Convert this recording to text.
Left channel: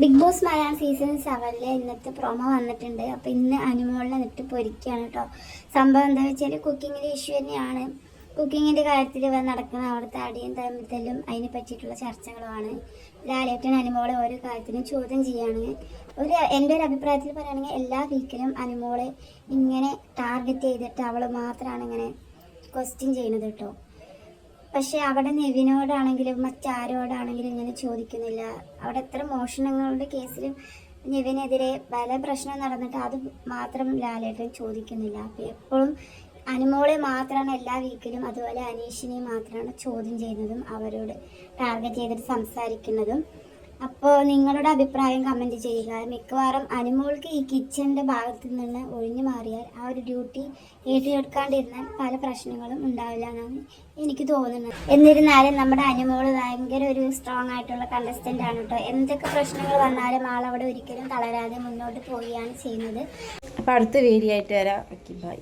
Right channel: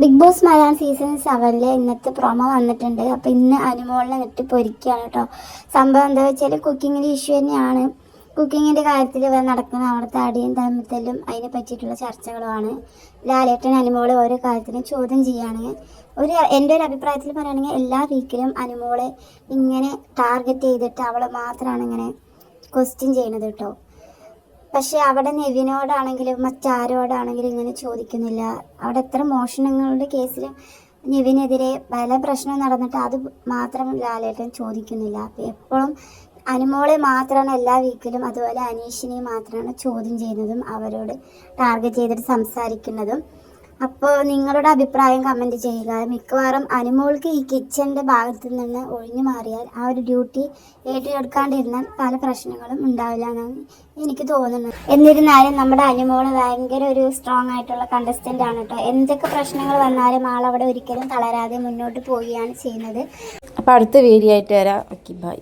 Big boss Malayalam season 7 ഇന്നത്തെ promo വന്നിട്ടുണ്ട്. അപ്പോൾ ഇന്ന് അനുമോളിനെ നെട്ടി പൊരിക്കുകയാണ് കേട്ടോ. സംഭവം എന്താ വെച്ചാൽ കുക്കിങ്ങിൻ്റെ ഇഷ്യൂ തന്നെയാണ്. കുക്കിങ്ങിൻ്റെ കാര്യത്തിൽ നടക്കുന്ന അവിടുത്തെ അടിയും തമ്മിത്തല്ലും അതിനെ പറ്റിയിട്ടുള്ള ചർച്ചകളുമാണ്. ലാലേട്ടൻ അനുമോളെ ഓരോ കാര്യത്തിനും ചോദ്യം ചെയ്യുകയാണ്. എൻ്റെ ഒരു അഭിപ്രായത്തിൽ പറയുകയാണെങ്കിൽ എല്ലാ വീക്കിലും അനുമോളെ ഇങ്ങനെ ടാർഗറ്റ് ചെയ്തിട്ട് അവളെ മാത്രമാണ് ഇങ്ങനെ ക്വസ്റ്റ്യൻ ചെയ്യുന്നത് കേട്ടോ. പക്ഷേ അവിടെ നെവിനോടാണെങ്കിലും മറ്റാരോടാണെങ്കിലും ഇങ്ങനെ ചോദിക്കുന്നില്ല. അവിടെ എത്ര മോഷണങ്ങളുടെ കേസിലും നെവിനെതിരെ പല പ്രശ്നം നടന്നിട്ട് അത് മാത്രം ലാലേട്ടൻ ചോദിക്കുന്നില്ല. അപ്പോൾ എപ്പോഴും അനുമോളെ മാത്രമാണ് എല്ലാ വീക്കിലും, അതുപോലെ അനീഷിനെ മാത്രമാണ് ചോദ്യം ചെയ്യുന്നതും അവരോട് ടാർഗറ്റ് ചെയ്തിട്ട് സംസാരിക്കുന്നതും. അപ്പോൾ നിങ്ങളുടെ അഭിപ്രായം കമൻറ്റ് ചെയ്യുക. മിക്കവാറും അനുമോൾക്ക് ഈ കിച്ചൻ്റെ ഭാഗത്ത് നിന്ന് ഒഴിഞ്ഞു മാറിയാൽ ആ ഒരു ഡ്യൂട്ടി ഏറ്റെടുക്കാണ്ടിരുന്നാൽ പല പ്രശ്നങ്ങളും ഉണ്ടാവില്ല എന്നാണ് എനിക്ക് തോന്നുന്നത്. എന്നിരുന്നാലും നമ്മുടെ അനുമോൾ ഭയങ്കര ഒരു സ്ട്രോങ് ആയിട്ടുള്ള കണ്ടസ്റ്റൻ്റ് ആണ് കേട്ടോ. എന്തൊക്കെ പ്രശ്നങ്ങൾ വന്നാലും ആളവിടെ ഒരിക്കലും തളരാതെ മുന്നോട്ട് പോവുകയാണ് ചെയ്യുന്നത്. അപ്പോൾ അടുത്ത വീഡിയോ ആയിട്ട് വരാം. Okay, by.